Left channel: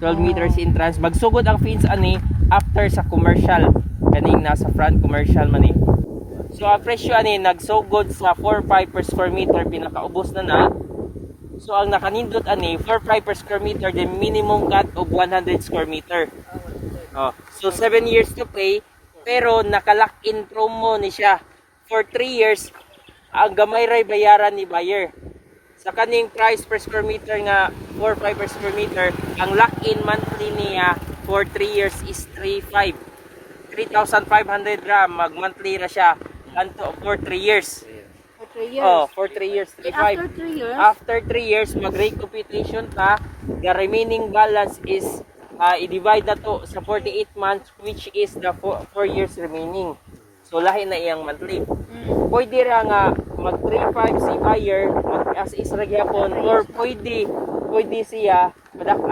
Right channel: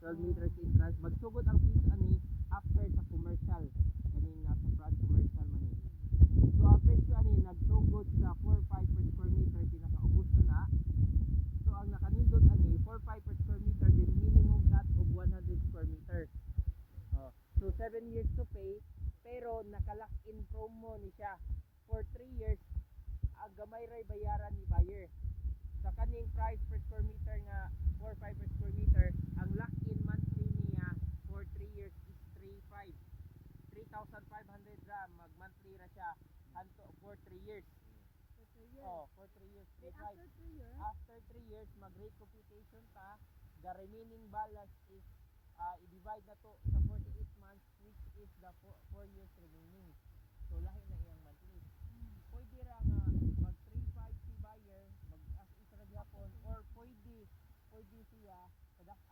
12 meters in trans. Magsugod ang fence ani after sa commercial. Kaning nasa front commercial man eh. So ang presyo ani nagsugod sa 4.5 per square meter, pinakaubos na. So ang nakanindot ani 4.5 per square meter, the minimum cut of 100 square meter. Oh, so 7 years to pay, pero naka-lock in promo ni siya. For 3 years, ang gamay ray bayaran ni buyer. Sa kaning price per square meter nga 4.5 per square meter, ang lock-in monthly niya for 3 years is 3.5. 3,500 gram mag-monthly ra siya unto for 3 years. For 3 years. Oh, for 3 years, 3.5. After 3 years? After 3 years, mag-recomputation pa. The remaining balance is i-divide na to sa 48 months, which is the 4 years remaining. So lahi na iyang monthly. Pwede ra nga mag 3.5 si buyer, mag as is ra gyapon, or pwede siya madak